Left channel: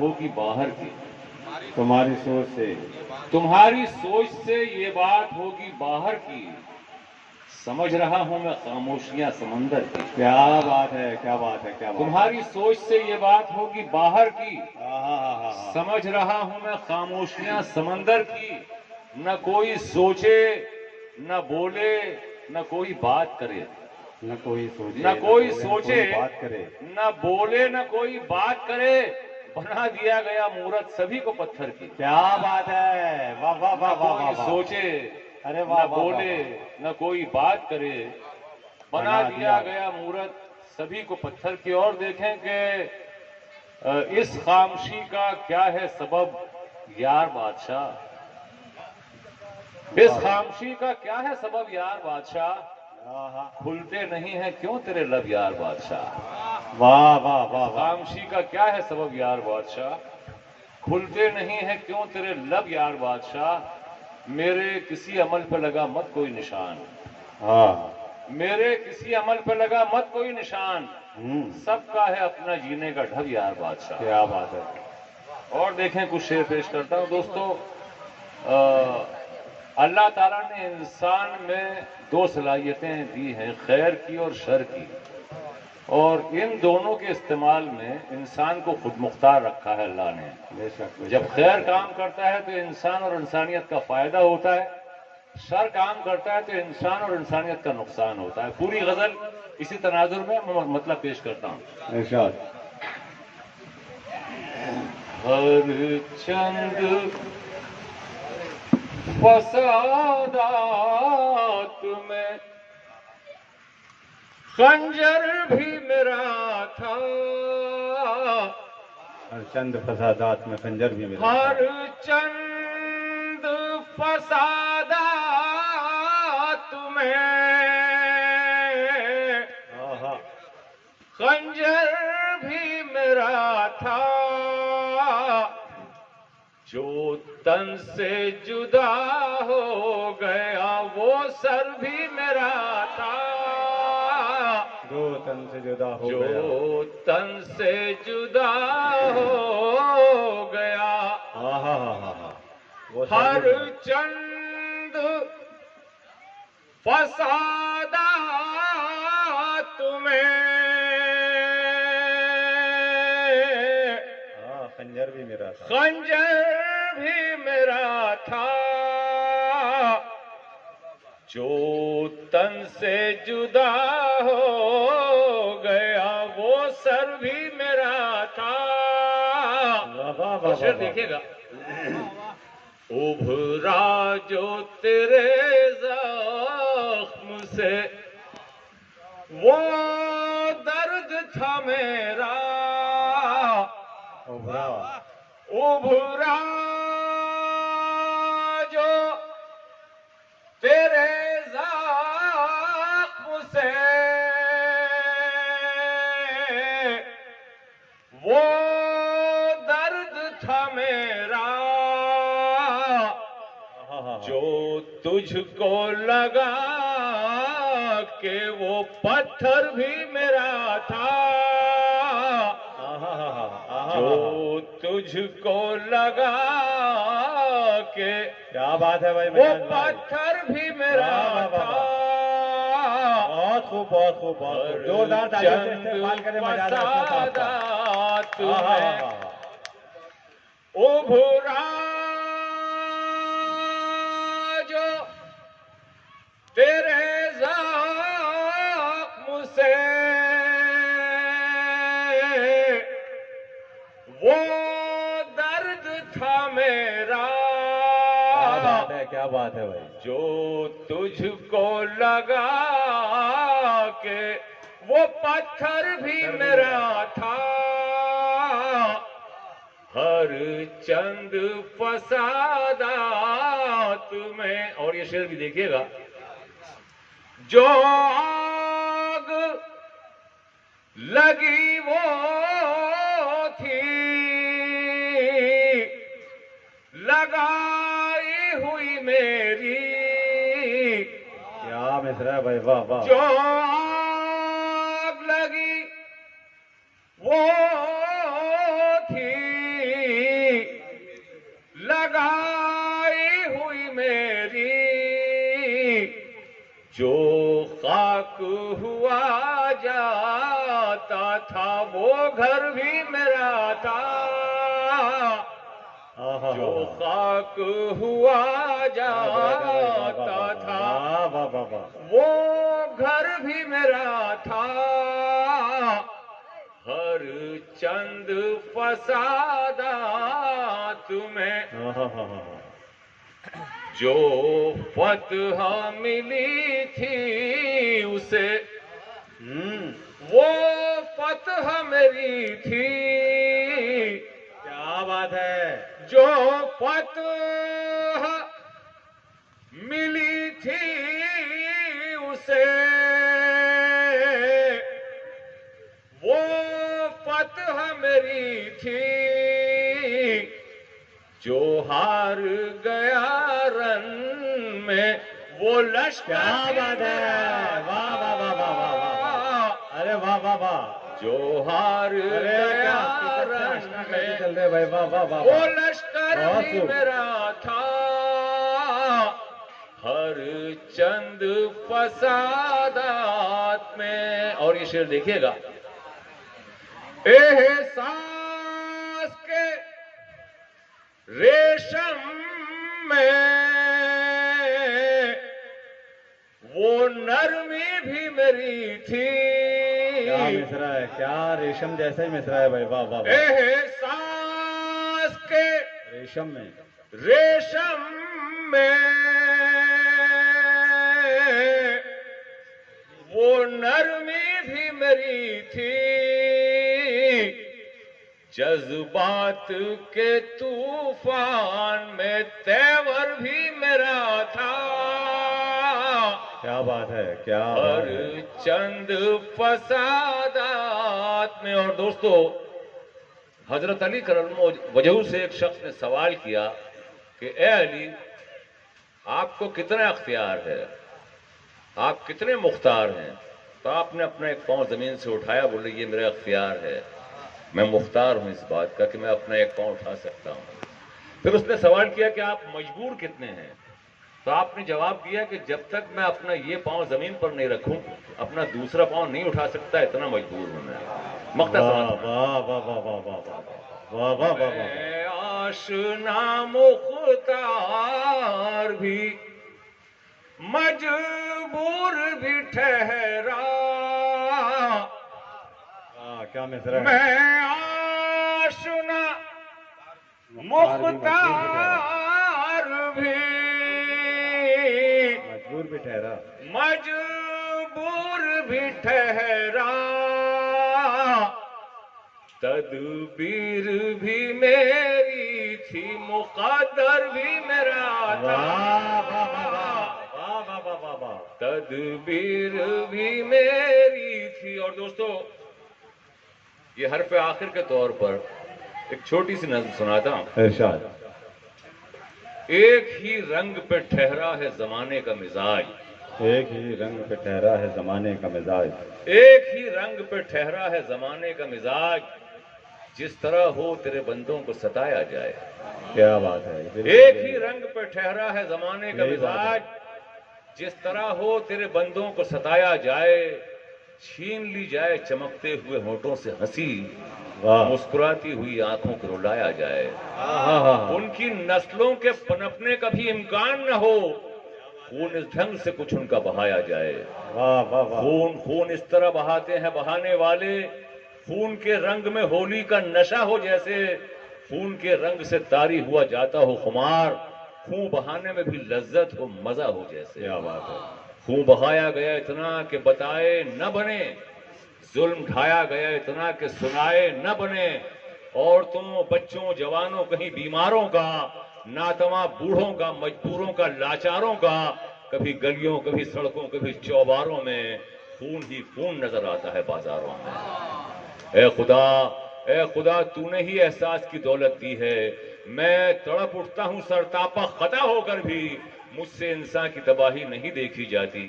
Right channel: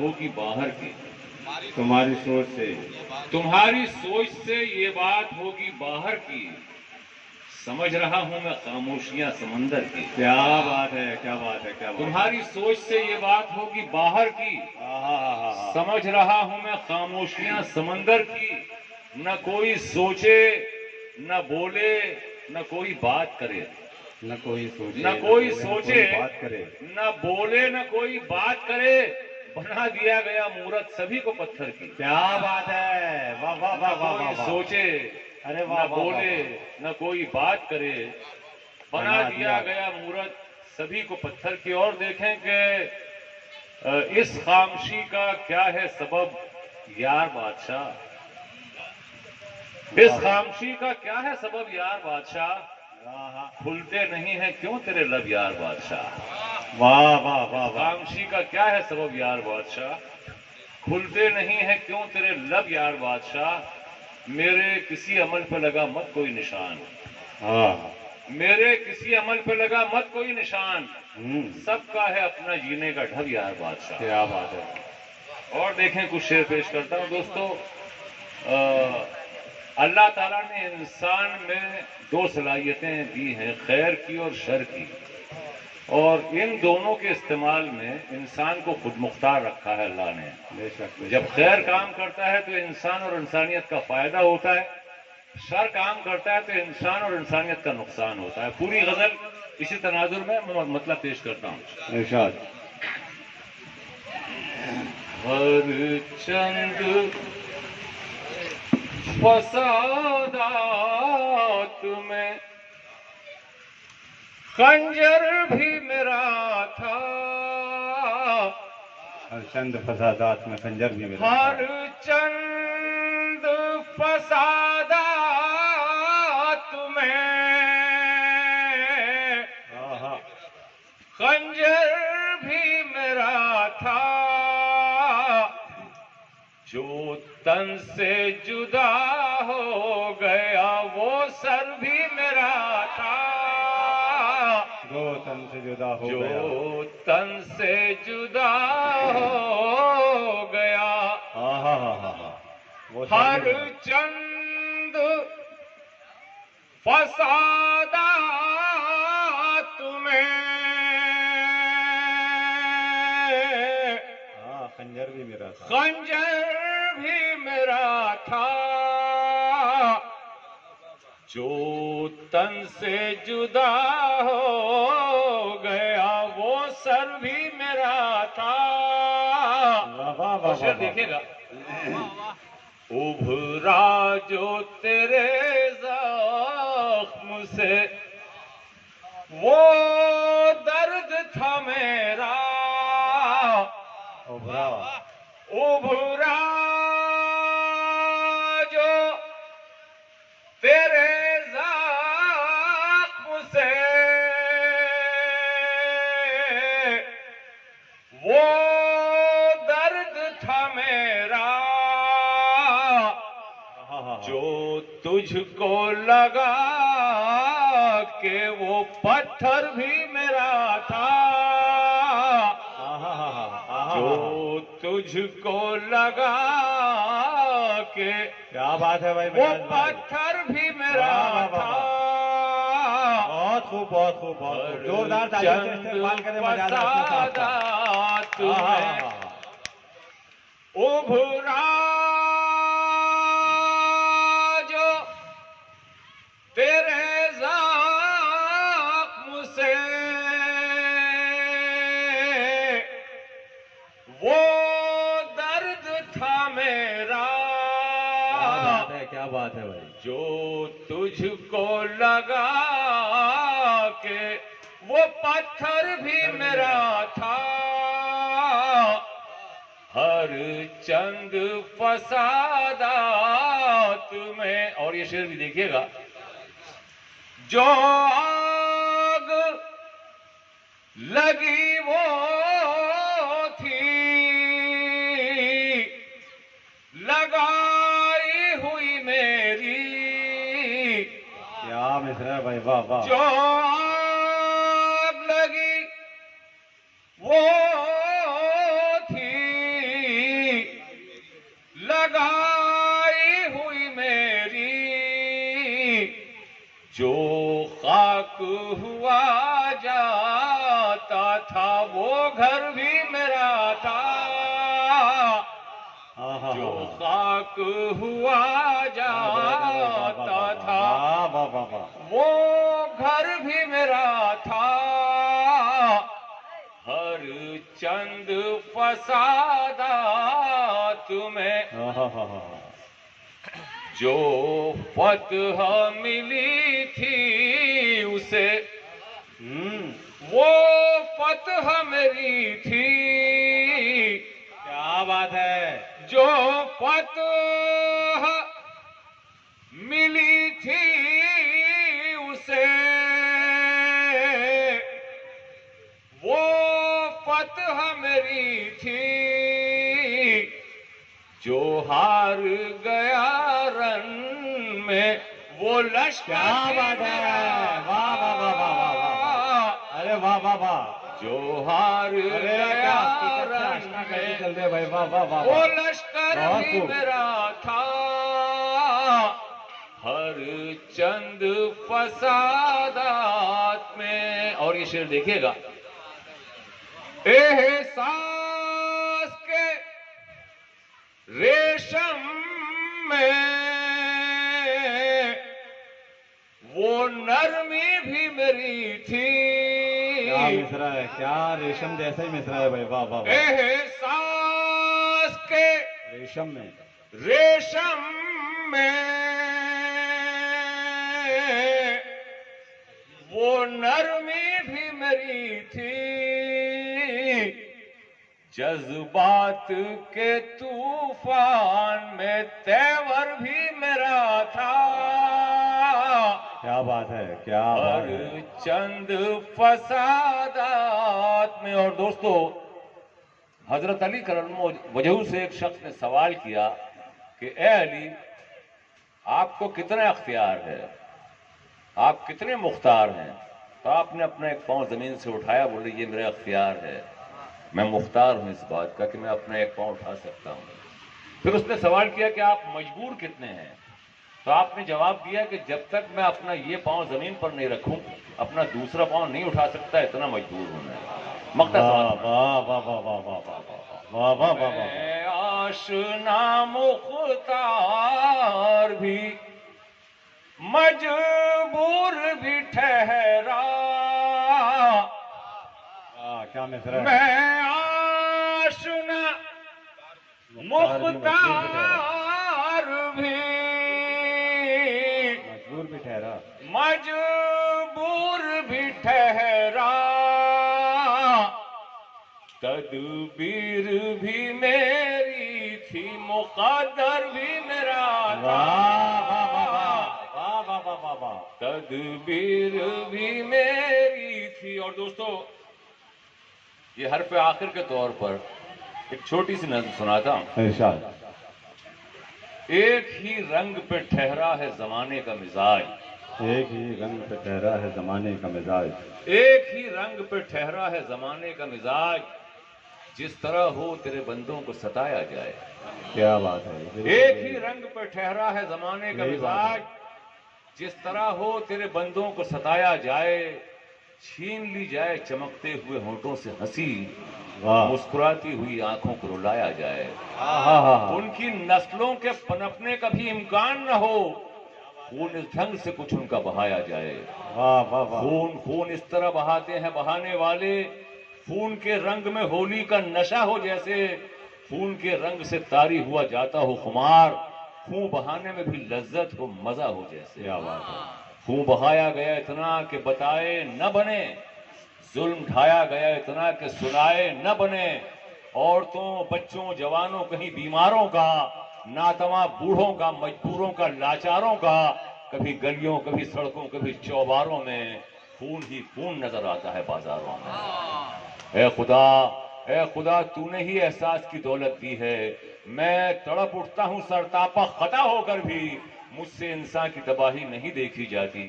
ہوگی باہر کی، تمہاری سوچ سے تمہاری سوچ سے یہ بات ہوگی باہر کی، سمجھ رہا ہوں میں خاموشیاں سمندر کی۔ کیا بات ہے، کیا بات ہے، کیا بات ہے۔ تمہاری سوچ سے یہ بات ہوگی باہر کی، آہا، سمجھ رہا ہوں میں خاموشیاں سمندر کی۔ نہ کوئی سوچے نہ بولے نہ کوئی بات کرے، نہ کوئی سوچے نہ کوئی بولے، نہ سوچے کوئی بات کرے۔ نہ بولے نہ کوئی بات کرے، بنا دیا گیا مورت سبھی کو پتھر کی۔ کیا بات ہے، واہ واہ نہ واہ واہ کوئی واہ واہ۔ سوچے ارے نہ واہ واہ واہ بولے واہ۔ نہ کوئی بات کرے، بنا دیا گیا مورت سبھی کو پتھر کی۔ اور دیکھیں کہ اس خاموشی کا کیا ہے سبب یار بادشاہ، اس خاموشی کا کیا ہے سبب یار بادشاہ، آہا، کھلتے نہیں ہیں کیوں تیرے لب یار بادشاہ۔ واہ واہ واہ واہ۔ خاموشی کا کیا ہے سبب یار بادشاہ، کھلتے نہیں ہیں کیوں تیرے لب یار بادشاہ۔ میرے کسی عمل پہ لگا مت کوئی نشان، ہاں، میرے کسی عمل پہ لگا مت کوئی نشان، ہوں، سب کا ہے اپنا جینے کا ڈھب یار بادشاہ۔ کیا بات ہے۔ اور دیکھیں کچھ شعر پیش کرتا ہوں دوستو۔ اللہ تعالیٰ نے انسان میں دو صلاحیتیں دی ہیں، خیر کی اور شر کی، اور ان دونوں کے استعمال میں انسان کو خود مختار رکھا ہے اللہ نے۔ بے شک، بے جب شک۔ خیر کام کرتا ہے تو انسان اور انسانیت کا فائدہ ہوتا ہے، شر کام کرتا ہے تو انسان اور انسانیت کا نقصان ہوتا ہے۔ پوری غزل اسی تناظر میں مطلب پیش کرتا ہوں۔ ارشاد۔ ہر چند فسادات میں خنجر بھی میرا تھا، ہر چند فسادات میں خنجر بھی میرا تھا۔ ہر چند فسادات میں آہا، خنجر بھی میرا تھا، جو تن سے جدا ہو گیا وہ سر بھی میرا تھا، جو تن سے جدا ہو گیا۔ جو تن سے جدا ہو گیا۔ آہا، آہا، وہ سر ہر بھی میرا۔ چند فسادات میں ہاں، خنجر بھی میرا تھا۔ خنجر بھی میرا تھا، جو تن سے جدا ہو گیا وہ سر بھی میرا تھا۔ واہ واہ اور واہ شعر واہ۔ دیکھیے گا، ابھرا جو تیرے زخم سے وہ درد تھا میرا، ابھرا ابھرا جو تیرے زخم سے وہ درد تھا میرا، جو تجھ کو لگا کہ وہ پتھر بھی میرا تھا، جو تجھ کو لگا کہ کیا بات ہے بھائی، وہ مجاز بھائی۔ پتھر بھی میرا واہ واہ واہ تھا، بہت خوب، بہت خوب، بہت خوب۔ زوردار تالیوں سے استقبال کریں مجاز اپنے صاحب کا۔ فسادات آہا، میں آہا، ابھرا جو تیرے زخم سے وہ درد تھا میرا، کیا بات ہے بھائی۔ جو تجھ کو لگا کہ وہ پتھر بھی میرا تھا، ہر چند فسادات میں۔ اور یہ شعر بھی دیکھیے گا، جو آگ لگی وہ تھی لگائی ہوئی میری، کیا مصرع ہے بھائی، واہ واہ۔ جو آگ لگی وہ تھی خاک ہوا جاتا تھا وہ گھر بھی میرا تھا ہر چند فسادات میں جو فتح ملی تھی اسے وہ فتح میری تھی کیا بات ہے جو فتح ملی تھی اسے وہ فتح میری تھی جو ہار گیا رن میں وہ لشکر کیا بات ہے واہ واہ واہ واہ واہ واہ ارے واہ واہ واہ جو ہار گیا رن میں چل رہے بھائی واہ واہ واہ وہ لشکر بھی میرا تھا ہر چند فسادات میں. اور یہ شعر دیکھیے گا احساس کے ریشم میں وہ نرمی بھی میری تھی کیا مصرا ہے کیا ریشم جیسا ہی مصرا ہے بھائی واہ واہ واہ احساس کے ریشم میں ریشم میں وہ نرمی بھی میری تھی جذبات کے طوفان میں تیور بھی میرا تھا کیا بات ہے کیا ہر چند فسادات میں. اور دوستو حضرت علی کرم وجہ سے ایک شخص نے سوال کیا کہ اے علی آپ کو کتنا اختیار ہے آپ کتنے مختار ہیں تو آپ نے اپنا ایک پاؤں زمین سے اٹھایا بولے یہ میرا اختیار ہے میں مختار ہوں اس بات کا کہ میں اپنا ایک پاؤں اٹھا سکتا ہوں. پھر اس نے سوال کیا کہ آپ مجبور کتنے ہیں تو آپ نے جواب دیا کہ جب تک میں اپنا یہ پاؤں زمین پر نہیں رکھوں اپنا دوسرا پاؤں نہیں اٹھا سکتا اتنا مجبور ہوں میں. مقطع سمجھ واہ واہ واہ واہ واہ واہ واہ واہ واہ اے آشنا مختار بھی مجبور بھی ٹھہرا کیا مصرا ہے میں آشنا مختار بھی مجبور بھی ٹھہرا مجبور بھی ٹھہرا تدبیر بھی میری تھی مقدر بھی میرا تھا تدبیر بھی میری تھی. اور دوستو یہ حرف آخر کے طور پر ایک چھوٹی سی نظم سناتا ہوں. ارشاد ایک ہی رنگ پہ ٹھہرا ہے زمانے کا مزاج ایک ہی رنگ پہ ٹھہرا ہے زمانے کا مزاج ایک ہی رنگ پہ ٹھہرا ہے زمانے کا مزاج جس طرح ہو تیرے بندوں کو ستایا جائے. کیا بات ہے ایک ہی رنگ پہ ٹھہرا ہے زمانے کا مزاج جس طرح ہو تیرے بندوں کو ستایا جائے چھین لی جائے چمکتے ہوئے ہونٹوں سے ہنسی مسکراتی ہوئی آنکھوں کو رلایا جائے. ان کی نسلوں کے پنپنے کا بھی امکان نہ ہو خون اس ڈھنگ سے کچھ ان کا بہایا جائے. خون اس طرح بہاتے ہیں بہانے والے خون کے رنگ میں ہولی کا نشہ ہو جیسے خون کے رنگ سے طاری ہوا جاتا ہو خمار خون بہانے میں بھی لذت ہو مزہ ہو جیسے. کیا بات ہے خون بہایا گیا اتنا کہ بتائے نہ بنے ظلم ڈھایا گیا اتنا کہ سنائے نہ بنے عورتوں بچوں جوانوں کہیں بیماروں کا ناتواں بوڑھوں کا مجبوروں کا لاچاروں کا کبھی گلیوں کبھی سڑکوں کبھی چوباروں میں خون ہی خون نظر آتا ہے بازاروں میں. اے خدا تو نے ہی احساس کی دولت دی ہے میں تڑپ اٹھتا ہوں سرتاپا خطا ہو کر بھی مجھ سے انسان کی تباہی نہیں دیکھی جاتی.